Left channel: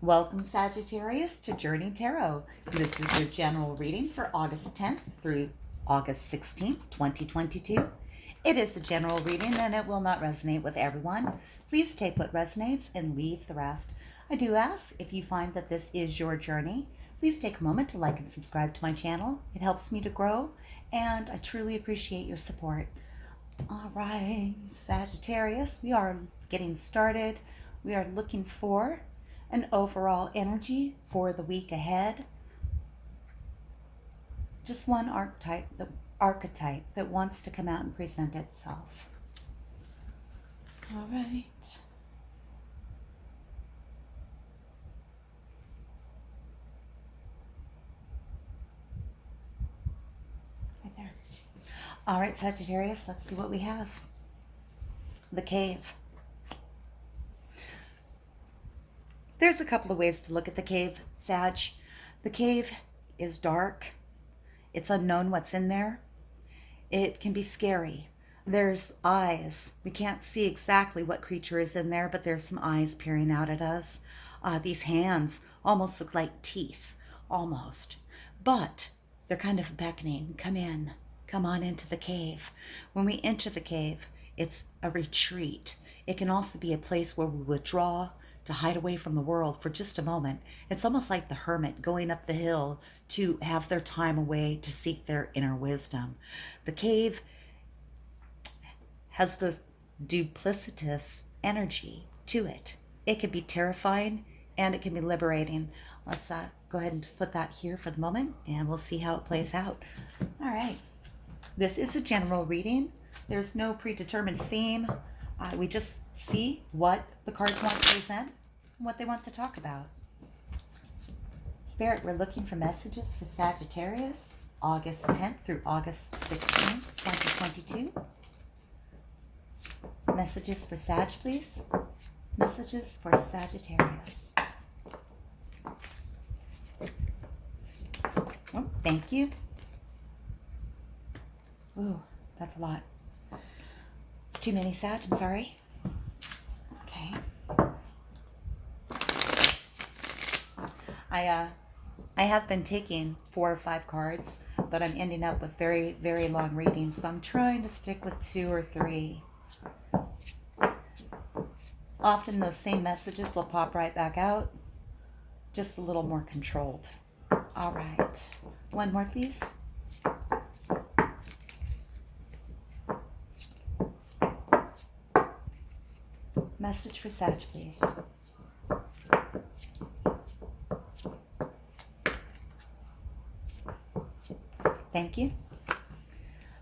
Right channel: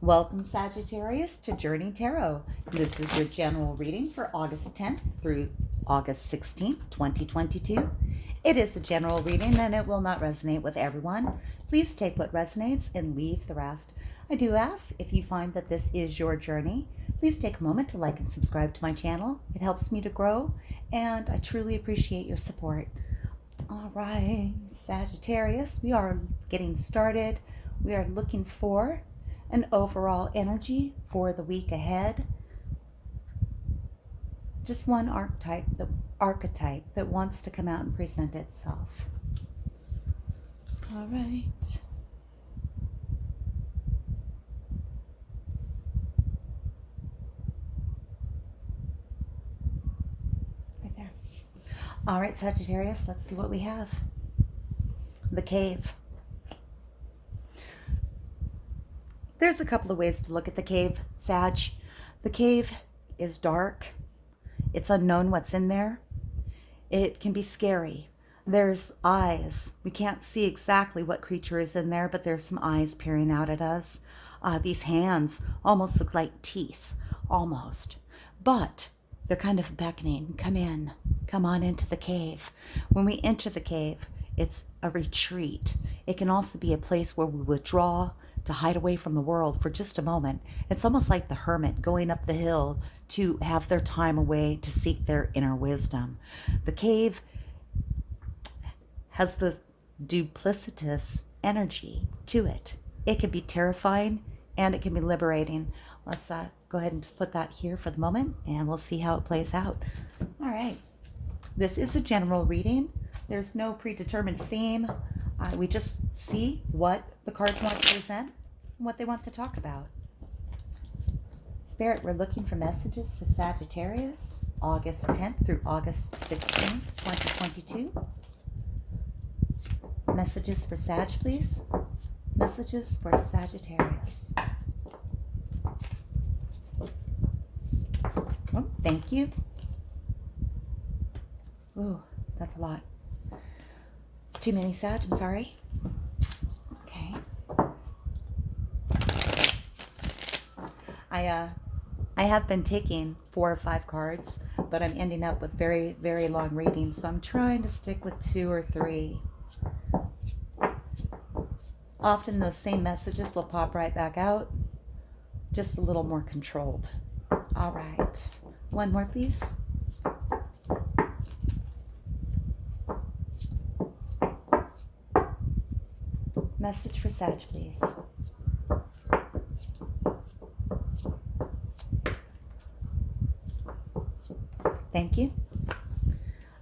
Welcome, Sagittarius, to Journey Tarot. This is your general reading for August 10th through August 16th, 2022. It is a general reading and it will not resonate with everyone. Please take what resonates and leave the rest. I do ask, if you find that this is your journey, please take a moment to like and subscribe to my channel. It helps me to grow and I truly appreciate your support. All right, Sagittarius, we are getting started. We are looking for an overall energy for the week ahead. Just one archetype that wants to come out and present itself. All right. Right there. All right, Sagittarius, let's see what we have. The cave. There's a couple of ways to look at the cave, Sag. The cave is dark. It's unknown what's in there. It can be scary. There's eyes. We can't see exactly what creature is in there, but there's some eyes peering out at us. These hands almost look like teeth, almost. But they're kind of beckoning. Come in. Come on into the cave. When we enter the cave, it's a retreat. It can also be a place where we withdraw to hide away from the world for just a moment. It's almost like the hermit going up the hill to have their time away to seek their inner wisdom. The cave has the duplicitous energy to it. It can be terrifying and it can be liberating. Let's go ahead and just put that here for the moment and we'll see how it plays out. All right. This is a general reading. There's no predetermined theme. We just see what the cards want to present and what they want to talk about. Spirit, we're looking for messages for Sagittarius, August 10th through August 16th, 2022. Messages for Sag, please. Messages for Sagittarius. Oh, thank you. Ooh, that's a lot. It's too many, Sag, I'm sorry. Okay. I have been taking 4 or 5 cards, but I'm ending up with very, very long readings, so I'm trying to stick with 2 or 3. Often those same messages will pop right back out, just a little more controlled. All right. One more, please. Message for Sag, please. Thank you.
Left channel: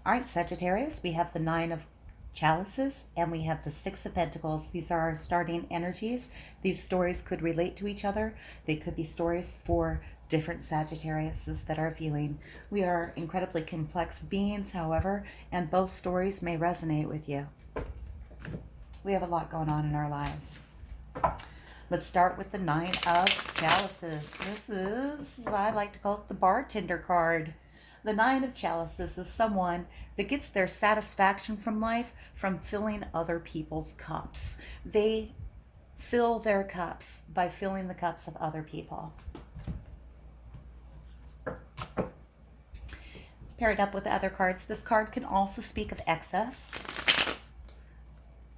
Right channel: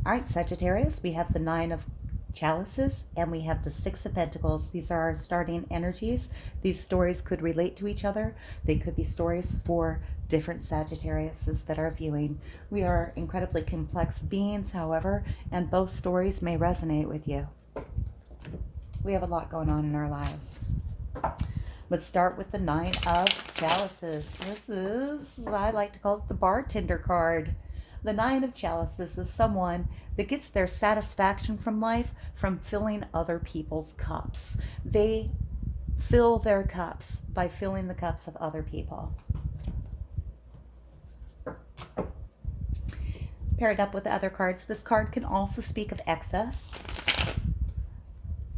All right, Sagittarius, we have the 9 of Chalices and we have the 6 of Pentacles. These are our starting energies. These stories could relate to each other. They could be stories for different Sagittariuses that are viewing. We are incredibly complex beings, however, and both stories may resonate with you. We have a lot going on in our lives. Let's start with the 9 of Chalices. This is, I like to call it the bartender card. The 9 of Chalices is someone that gets their satisfaction from life from filling other people's cups. They fill their cups by filling the cups of other people. Paired up with the other cards, this card can also speak of excess.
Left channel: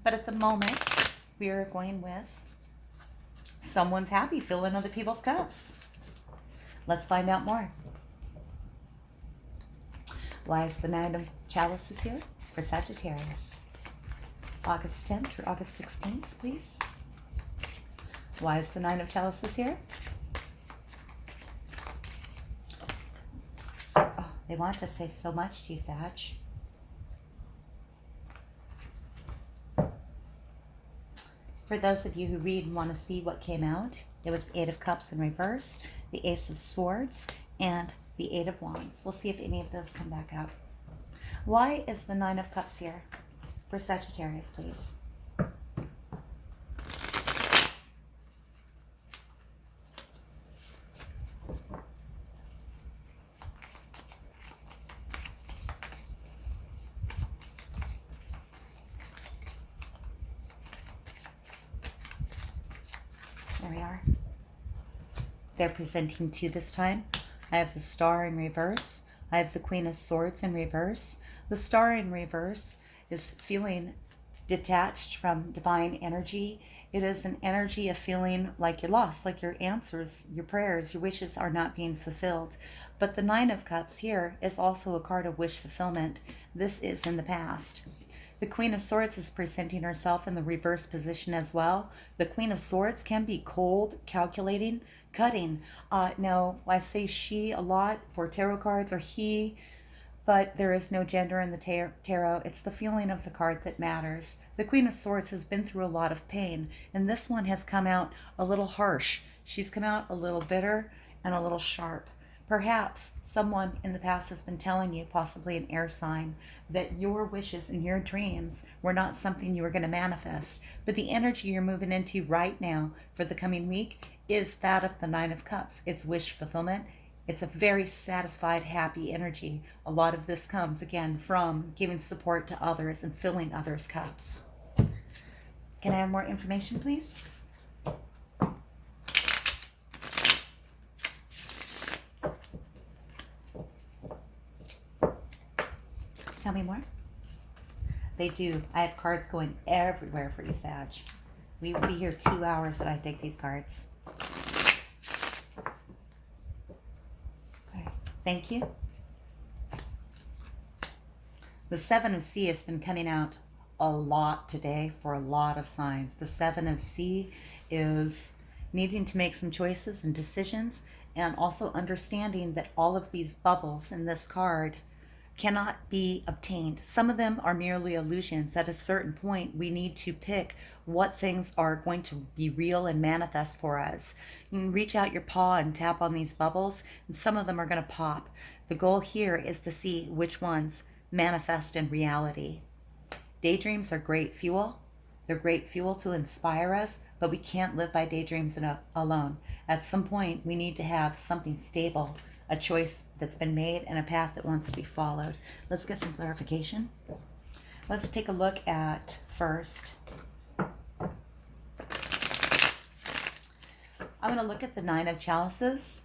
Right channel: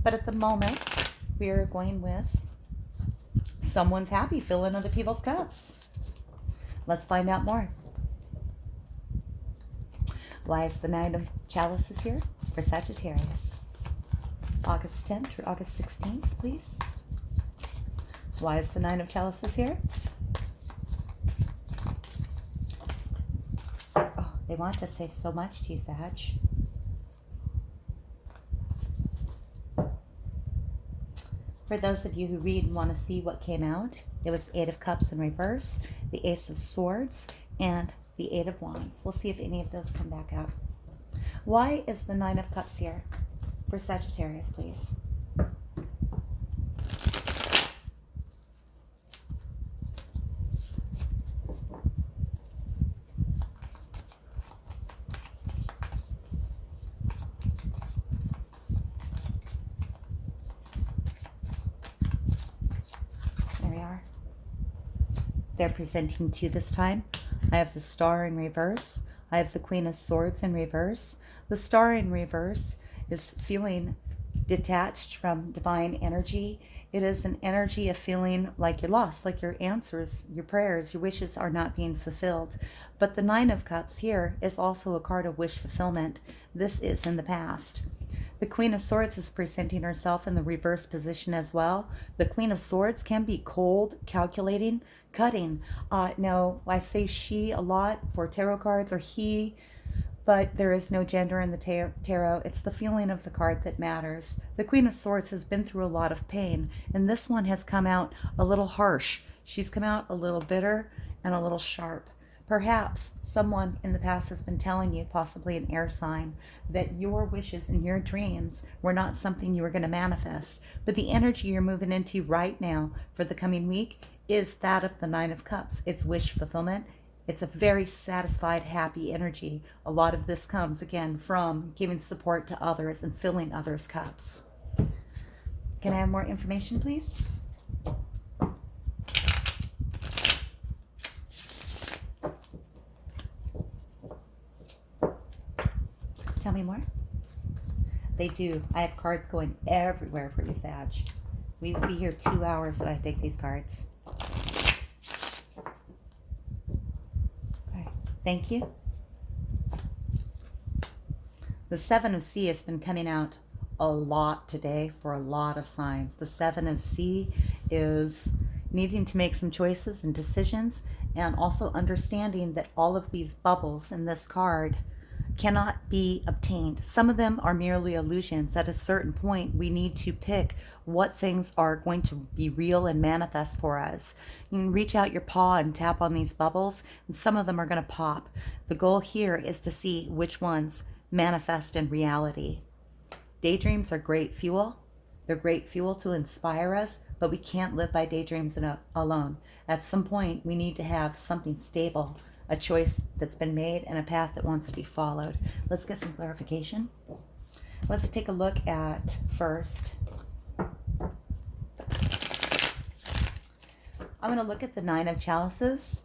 But at the moment, we are going with someone's happy filling other people's cups. Let's find out more. Why is the 9 of Chalices here for Sagittarius? August 10th through August 16th, please. Why is the 9 of Chalices here? Oh, they want to say so much to you, Sag. For those of you who read and want to see what came out, it was 8 of Cups in reverse, the Ace of Swords, and the 8 of Wands. We'll see if any of those come back out. Why is the 9 of Cups here for Sagittarius, please? There we are. they're presenting to this time. I have the Star in reverse. I have the Queen of Swords in reverse. The Star in reverse is feeling detached from divine energy. It is an energy of feeling like you're lost, like your answers, your prayers, your wishes are not being fulfilled. But the Nine of Cups here is also a card of wish fulfillment. This is in the past. The Queen of Swords is presenting herself in the reverse position as well. The Queen of Swords can be cold, calculating, cutting. No, I say she a lot for tarot cards, or he, but there is no gender in the tarot. It's the feeling of the card that matters. The Queen of Swords has been through a lot of pain, and this one has come out a little harsh. She's come out a little bitter and a little sharp. Perhaps someone in the past has been telling you, possibly an air sign, that your wishes and your dreams were not something you were going to manifest. But the energy you're moving into right now for the coming week is that of the Nine of Cups. It's wish fulfillment. It's a very satisfied, happy energy. A lot of this comes, again, from giving support to others and filling others' cups. Can I have more information, please? Tell me more. They do. I have cards going everywhere for you, Sag. We will be here 2 hours if I take these cards. Okay. Thank you. The Seven of Sea has been coming out a lot today for a lot of signs. The Seven of Sea is needing to make some choices and decisions, and also understanding that all of these bubbles in this card cannot be obtained. Some of them are merely illusions. At a certain point, we need to pick what things are going to be real and manifest for us. You can reach out your paw and tap on these bubbles, and some of them are going to pop. The goal here is to see which ones manifest in reality. Daydreams are great fuel. They're great fuel to inspire us, but we can't live by daydreams alone. At some point, we need to have something stable, a choice that's been made, and a path that wants to be followed. Let's get some clarification. Let's take a look at first. I'm going to look at the Nine of Chalices.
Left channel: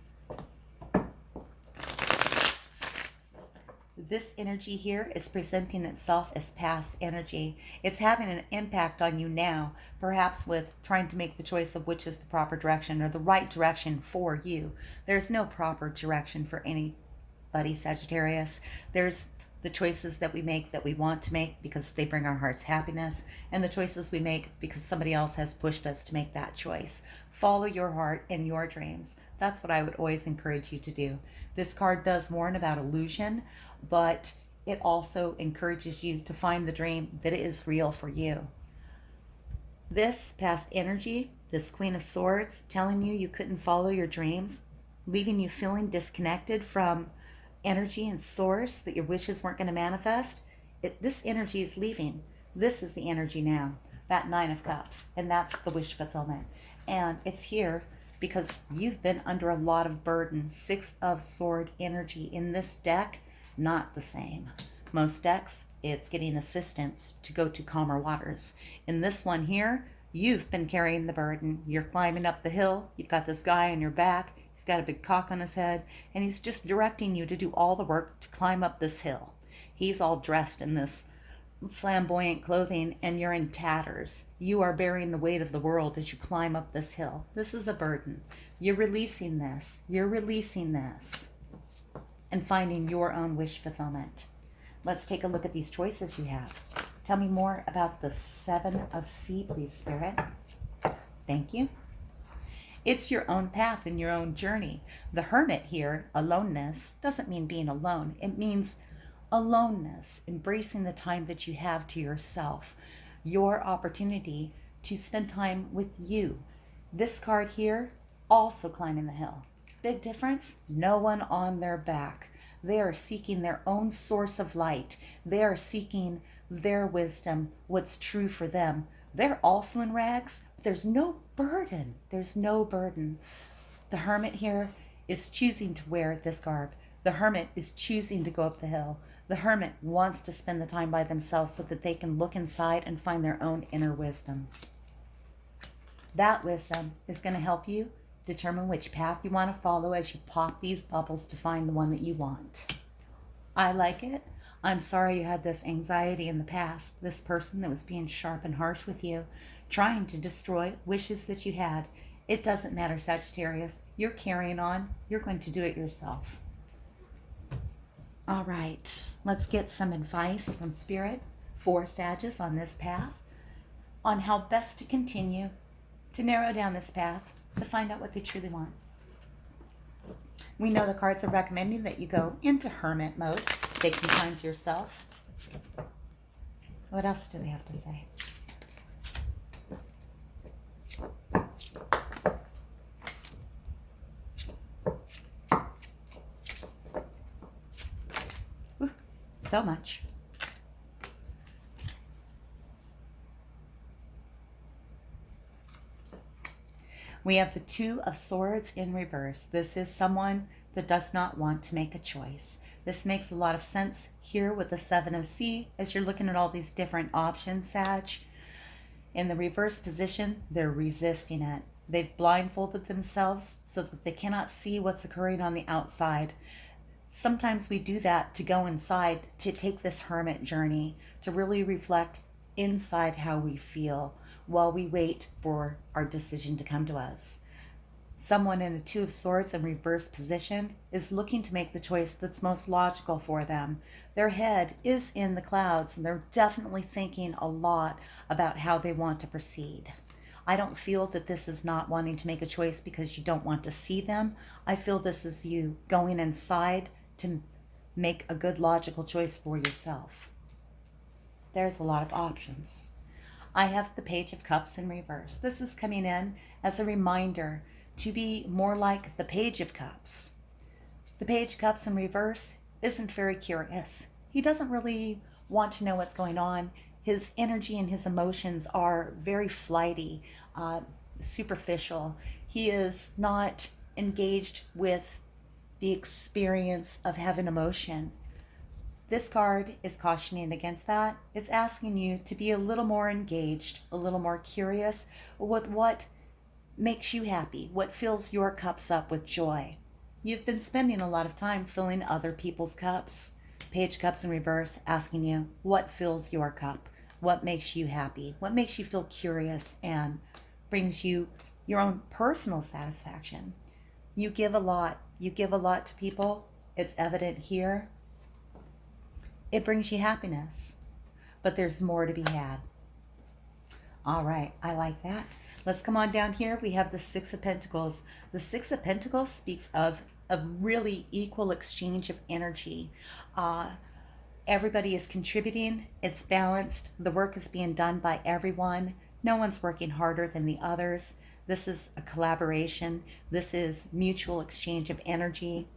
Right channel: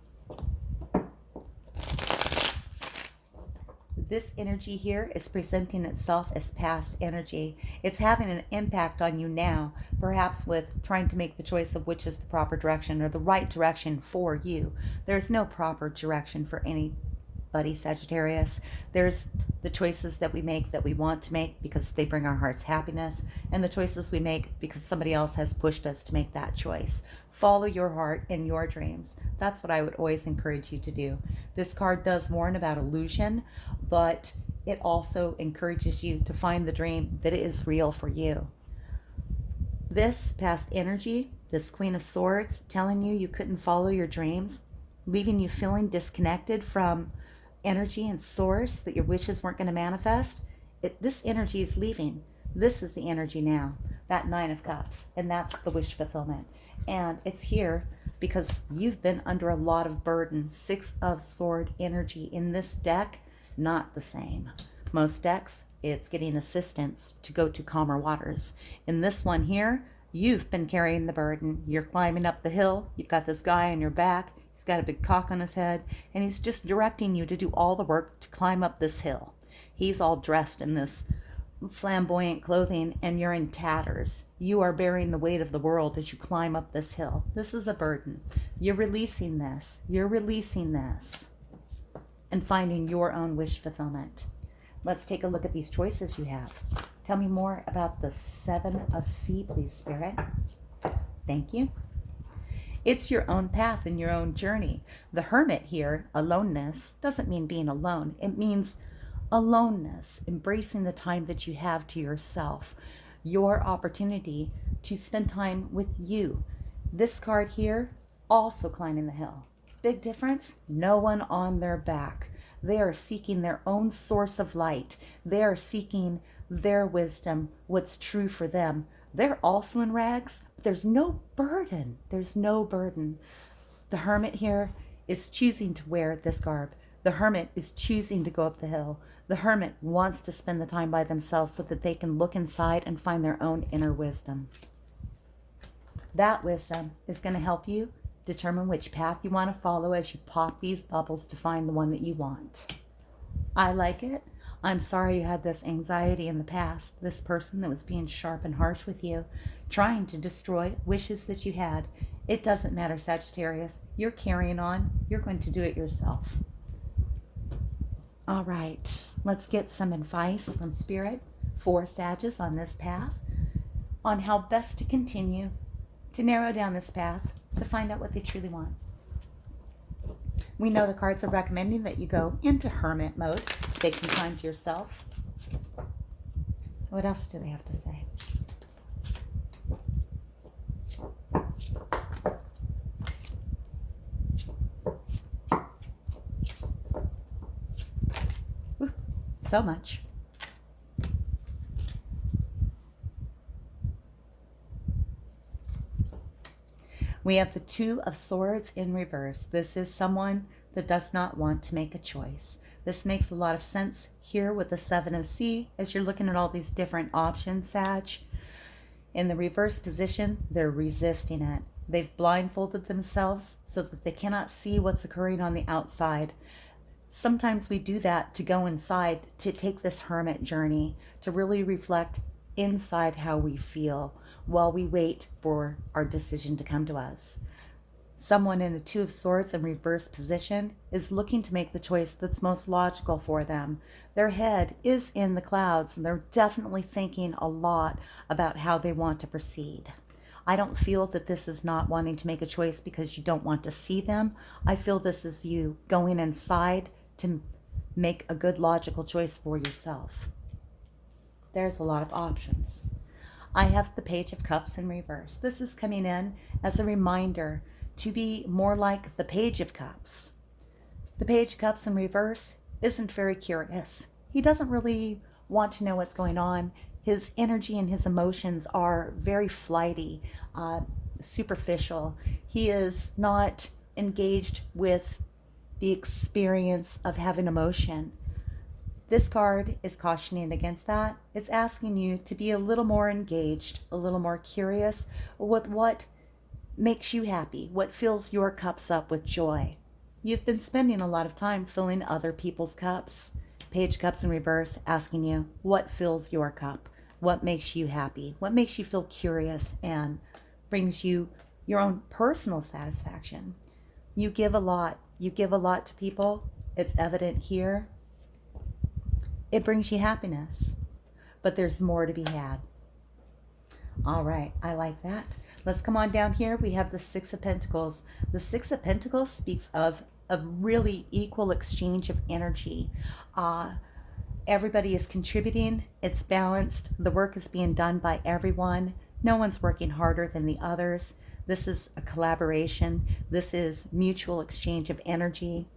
This energy here is presenting itself as past energy. It's having an impact on you now, perhaps with trying to make the choice of which is the proper direction or the right direction for you. There's no proper direction for anybody, Sagittarius. There's the choices that we make that we want to make because they bring our hearts happiness, and the choices we make because somebody else has pushed us to make that choice. Follow your heart and your dreams. That's what I would always encourage you to do. This card does warn about illusion, but it also encourages you to find the dream that is real for you. This past energy, this Queen of Swords, telling you you couldn't follow your dreams, leaving you feeling disconnected from energy and source, that your wishes weren't going to manifest, this energy is leaving. This is the energy now, that Nine of Cups, and that's the wish fulfillment. And it's here because you've been under a lot of burden. Six of Sword energy in this deck, not the same. Most decks, it's getting assistance to go to calmer waters. In this one here, you've been carrying the burden. You're climbing up the hill. You've got this guy on your back. He's got a big cock on his head, and he's just directing you to do all the work to climb up this hill. He's all dressed in this flamboyant clothing, and you're in tatters. You are bearing the weight of the world as you climb up this hill. This is a burden. You're releasing this. You're releasing this and finding your own wish fulfillment. Let's take a look at these choices you have. Tell me more about the Seven of Sea, please, Spirit. Thank you. It's your own path and your own journey. The Hermit here, aloneness, doesn't mean being alone. It means aloneness, embracing the time that you have to yourself, your opportunity to spend time with you. This card here, also climbing the hill. Big difference, no one on their back. They are seeking their own source of light. They are seeking their wisdom, what's true for them. They're also in rags, but there's no burden. There's no burden. The Hermit here is choosing to wear this garb. The Hermit is choosing to go up the hill. The Hermit wants to spend the time by themselves so that they can look inside and find their own inner wisdom. That wisdom is going to help you Determine which path you want to follow as you pop these bubbles to find the one that you want. I like it. I'm sorry you had this anxiety in the past, this person that was being sharp and harsh with you, trying to destroy wishes that you had. It doesn't matter, Sagittarius. You're carrying on. You're going to do it yourself. All right, let's get some advice from Spirit for Sagittarius on this path, on how best to continue to narrow down this path to find out what they truly want. We know the cards are recommending that you go into hermit mode, take some time to yourself. What else do they have to say? Ooh, so much. We have the Two of Swords in reverse. This is someone that does not want to make a choice. This makes a lot of sense here with the Seven of Sea as you're looking at all these different options, Sag. In the reverse position, they're resisting it. They've blindfolded themselves so that they cannot see what's occurring on the outside. Sometimes we do that to go inside, to take this hermit journey, to really reflect inside how we feel while we wait for our decision to come to us. Someone in a Two of Swords in reverse position is looking to make the choice that's most logical for them. Their head is in the clouds and they're definitely thinking a lot about how they want to proceed. I don't feel that this is not wanting to make a choice because you don't want to see them. I feel this is you going inside to make a good logical choice for yourself. There's a lot of options. I have the Page of Cups in reverse. This is coming in as a reminder to be more like the Page of Cups. The Page of Cups in reverse isn't very curious. He doesn't really want to know what's going on. His energy and his emotions are very flighty, superficial. He is not engaged with the experience of having emotion. This card is cautioning against that. It's asking you to be a little more engaged, a little more curious with what makes you happy, what fills your cups up with joy. You've been spending a lot of time filling other people's cups. Page Cups in reverse asking you what fills your cup, what makes you happy, what makes you feel curious and brings you your own personal satisfaction. You give a lot. You give a lot to people. It's evident here. It brings you happiness, but there's more to be had. All right, I like that. Let's come on down here. We have the Six of Pentacles. The Six of Pentacles speaks of a really equal exchange of energy. Everybody is contributing. It's balanced. The work is being done by everyone. No one's working harder than the others. This is a collaboration. This is mutual exchange of energy,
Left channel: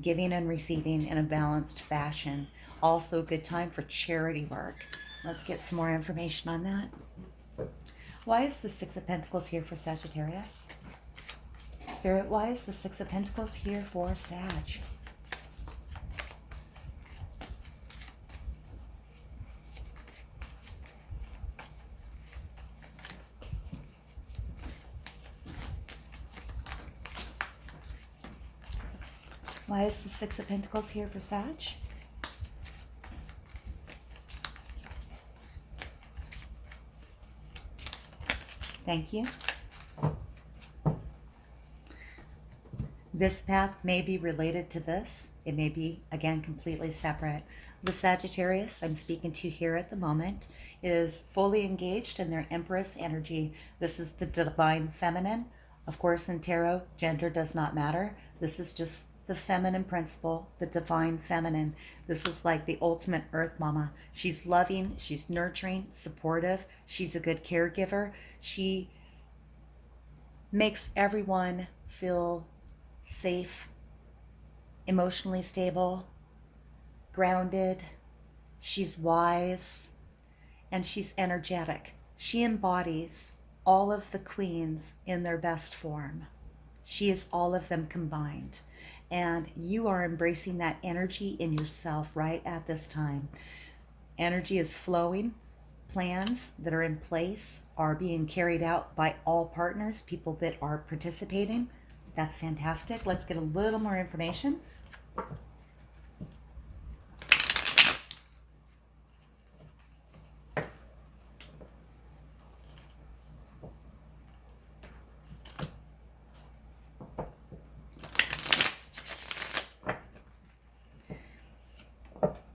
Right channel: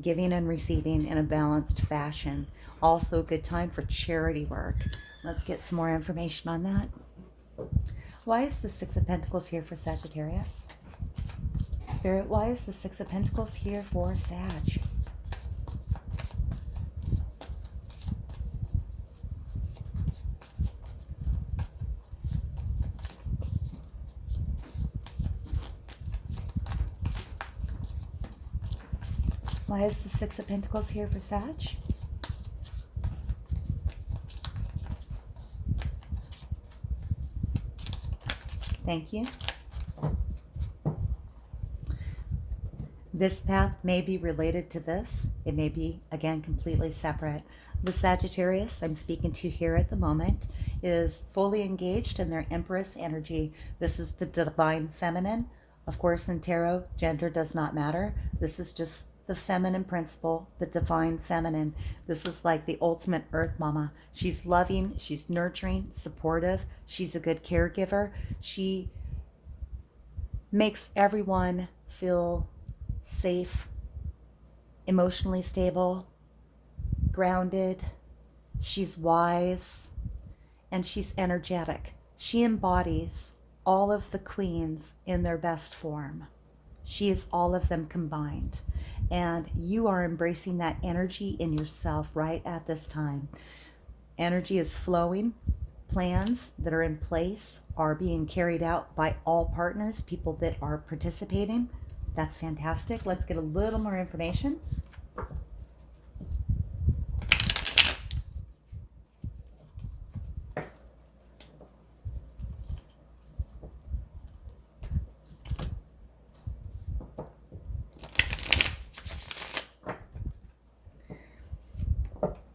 giving and receiving in a balanced fashion. Also a good time for charity work. Let's get some more information on that. Why is the Six of Pentacles here for Sagittarius? Spirit, why is the Six of Pentacles here for Sag? Why is the Six of Pentacles here for Sag? Thank you. This path may be related to this. It may be, again, completely separate. The Sagittarius I'm speaking to here at the moment is fully engaged in their Empress energy. This is the divine feminine. Of course, in tarot, gender does not matter. This is just the feminine principle, the divine feminine. This is like the ultimate earth mama. She's loving, she's nurturing, supportive. She's a good caregiver. She makes everyone feel safe, emotionally stable, grounded. She's wise, and she's energetic. She embodies all of the queens in their best form. She is all of them combined. And you are embracing that energy in yourself right at this time. Energy is flowing. Plans that are in place are being carried out by all partners, people that are participating. That's fantastic. Let's get a little more information.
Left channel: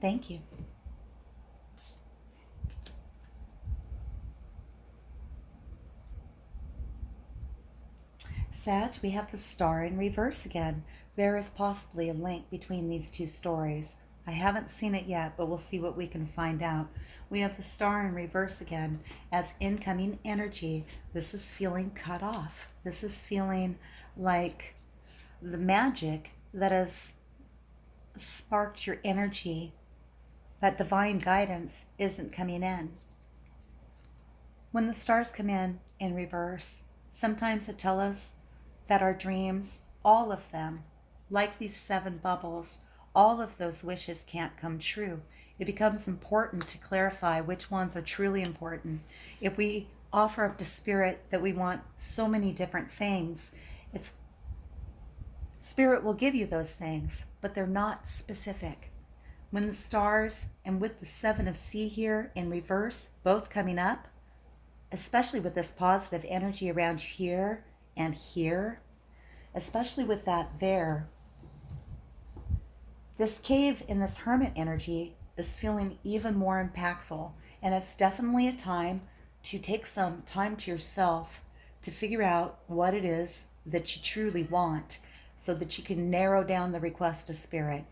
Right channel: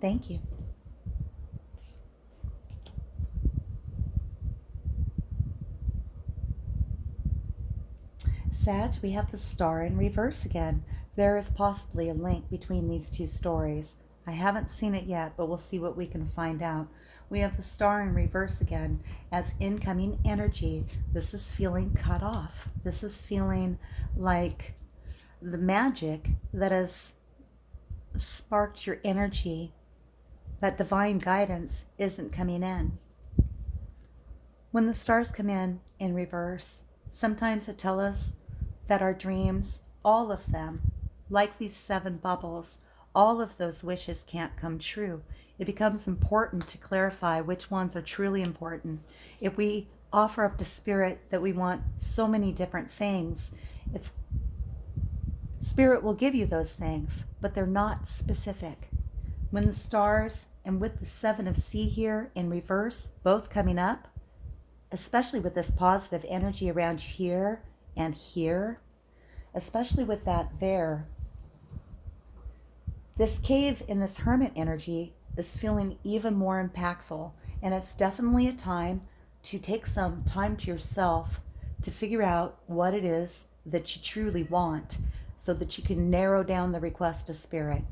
Thank you. Sag, we have the star in reverse again. There is possibly a link between these two stories. I haven't seen it yet, but we'll see what we can find out. We have the star in reverse again as incoming energy. This is feeling cut off. This is feeling like the magic that has sparked your energy, that divine guidance isn't coming in. When the stars come in reverse, sometimes it tells us that our dreams, all of them, like these 7 bubbles, all of those wishes can't come true. It becomes important to clarify which ones are truly important. If we offer up to Spirit that we want so many different things, Spirit will give you those things, but they're not specific. When the stars and with the 7 of C here in reverse, both coming up, especially with this positive energy around here and here, especially with that there, this cave in this hermit energy is feeling even more impactful. And it's definitely a time to take some time to yourself to figure out what it is that you truly want so that you can narrow down the request to Spirit.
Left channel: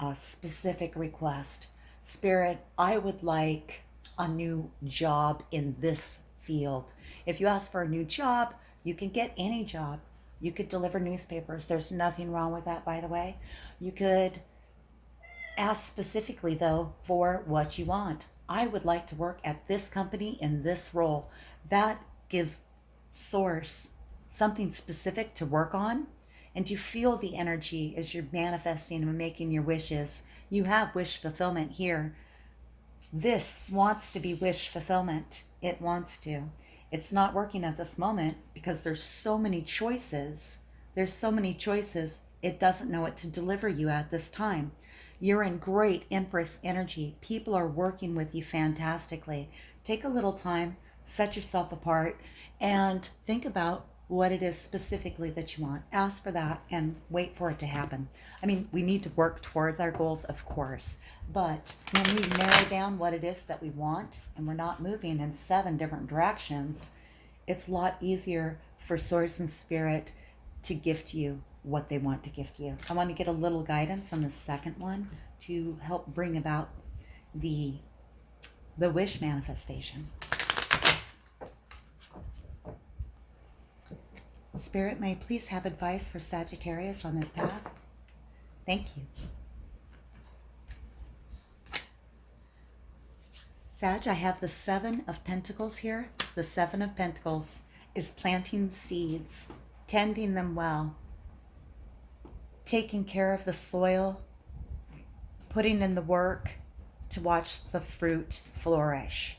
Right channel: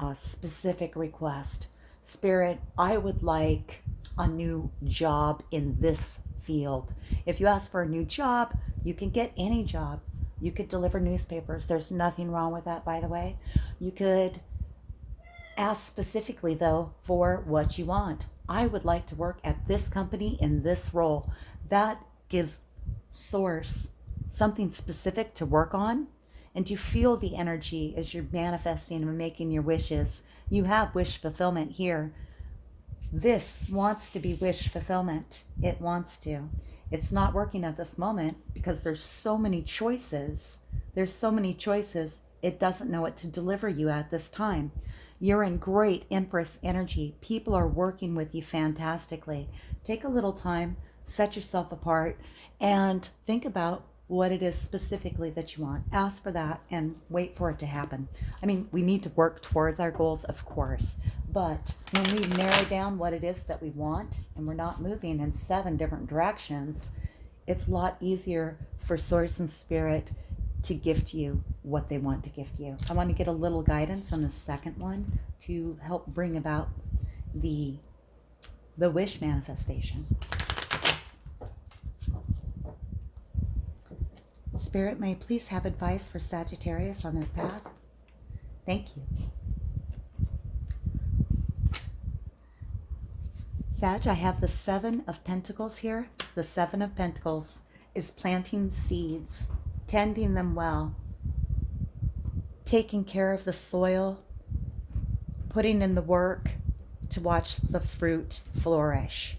A specific request. Spirit, I would like a new job in this field. If you ask for a new job, you can get any job. You could deliver newspapers. There's nothing wrong with that, by the way. You could ask specifically, though, for what you want. I would like to work at this company in this role. That gives Source something specific to work on. And you feel the energy as you're manifesting and making your wishes. You have wish fulfillment here. This wants to be wish fulfillment. It wants to. It's not working at this moment because there's so many choices. There's so many choices. It doesn't know what to deliver you at this time. You're in great Empress energy. People are working with you fantastically. Take a little time, set yourself apart, and think about what it is specifically that you want. Ask for that and wait for it to happen. I mean, we need to work towards our goals, of course, but when we narrow down what it is that we want and we're not moving in 7 different directions, it's a lot easier for Source and Spirit to gift you what they want to gift you. I want to get a little guidance on the second one to help bring about the wish manifestation. Spirit, may I please have advice for Sagittarius on this path? Thank you. Sag, I have the 7 of Pentacles here. The 7 of Pentacles is planting seeds, tending them well, taking care of the soil, putting in the work to watch the fruit flourish.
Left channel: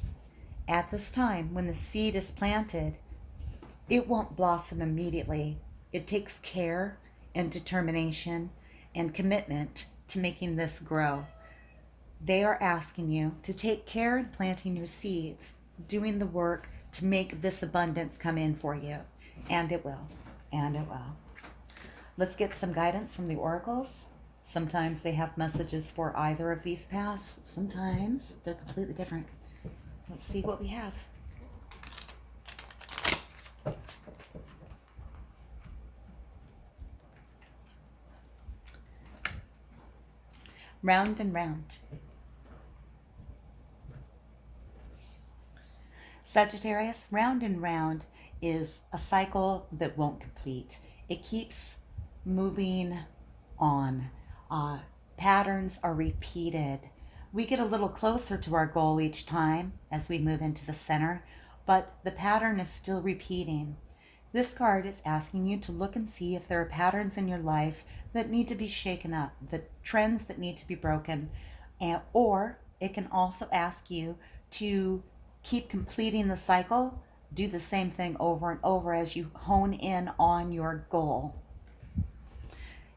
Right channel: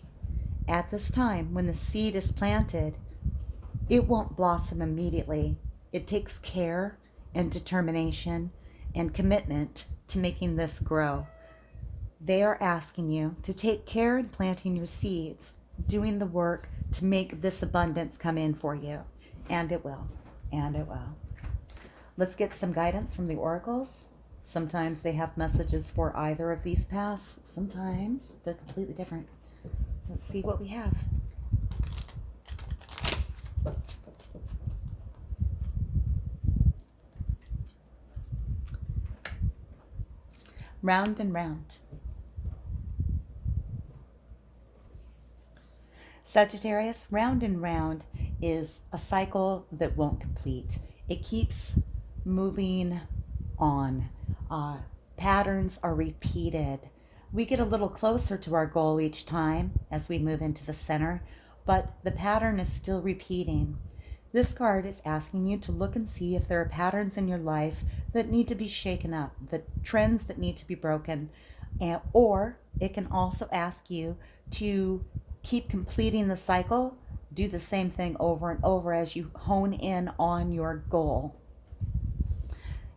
At this time, when the seed is planted, it won't blossom immediately. It takes care and determination and commitment to making this grow. They are asking you to take care in planting your seeds, doing the work to make this abundance come in for you. And it will. And it will. Let's get some guidance from the oracles. Sometimes they have messages for either of these paths. Sometimes they're completely different. So let's see what we have. Round and round. Sagittarius, round and round is a cycle that won't complete. It keeps moving on. Patterns are repeated. We get a little closer to our goal each time as we move into the center, but the pattern is still repeating. This card is asking you to look and see if there are patterns in your life that need to be shaken up, the trends that need to be broken, or it can also ask you to keep completing the cycle, do the same thing over and over as you hone in on your goal.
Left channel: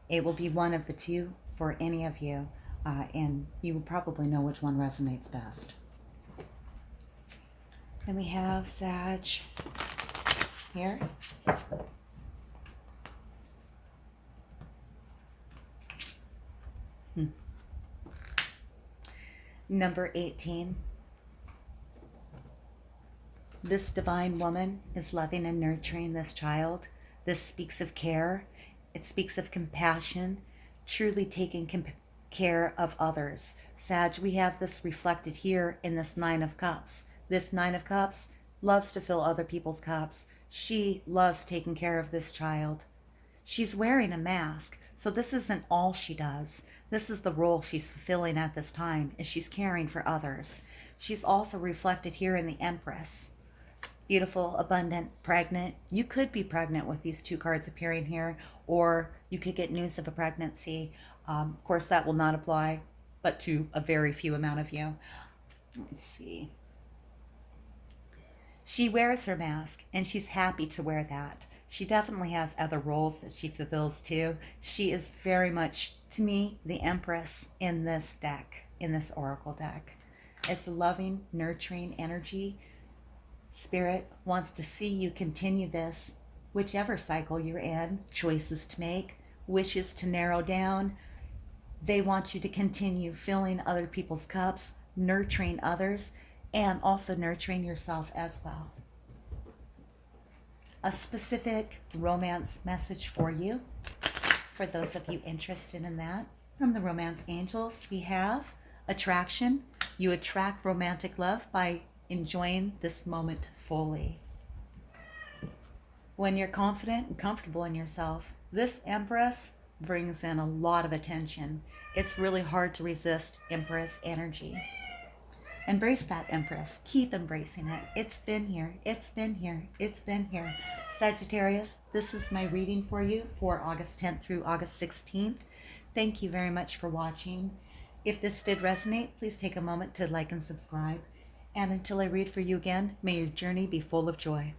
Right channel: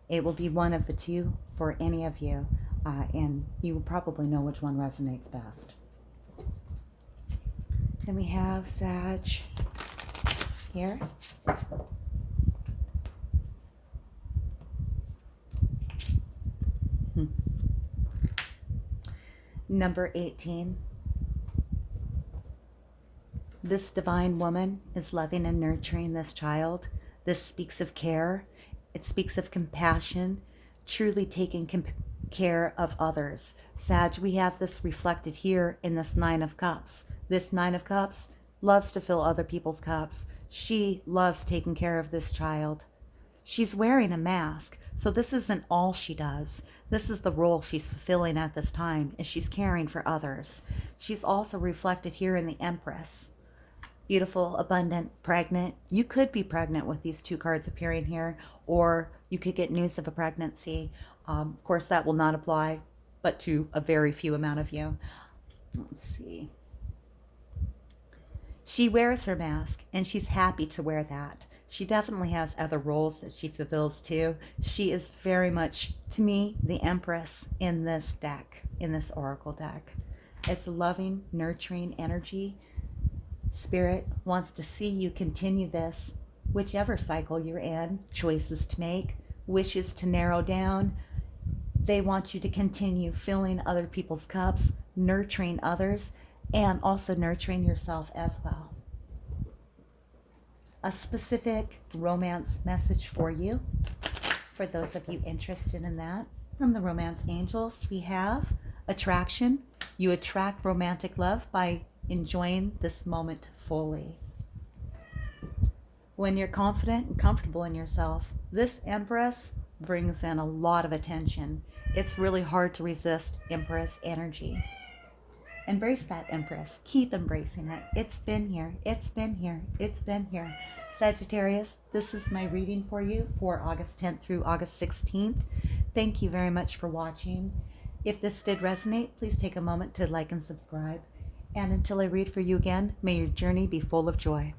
It will be one of the two for any of you, and you will probably know which one resonates best. Then we have Sag here. Number 18. This divine woman is loving and nurturing this child. This speaks of care. It speaks of compassion, truly taking care of others. Sag, we have this reflected here in this Nine of Cups. This Nine of Cups loves to fill other people's cups. She loves taking care of this child. She's wearing a mask, so this isn't all she does. This is the role she's fulfilling at this time, is she's caring for others. She's also reflected here in the Empress. Beautiful, abundant, pregnant. You could be pregnant with these two cards appearing here, or you could get news of a pregnancy. Of course, that will not apply, but to a very few amount of you. Let's see. She wears her mask, and she's happy to wear that. She definitely has other roles that she fulfills too. She is very much, to me, the Empress in this deck, in this Oracle deck. It's loving, nurturing energy. Spirit wants to see you continue this, whichever cycle you're in, choices to make, wishes to narrow down. They want you to continue filling other people's cups, nurturing others, and also nurturing yourself as well. A specific romance message for you, for those of you interested in that. From the Romance Angels, we have attraction. You attract romantic love by enjoying this moment fully. When you're confident and comfortable in yourself, this Empress brings in a lot of attention. It's really hard to resist Empress energy. Embrace that, Empress. Keep embracing it. It's been here. It's been here. It's been here. Sagittarius, this is my reading for you for August 10th through August 16th. Thank you very much for watching. If this did resonate, please take a moment to like and subscribe. And until I read for you again, may your journey be full of joy.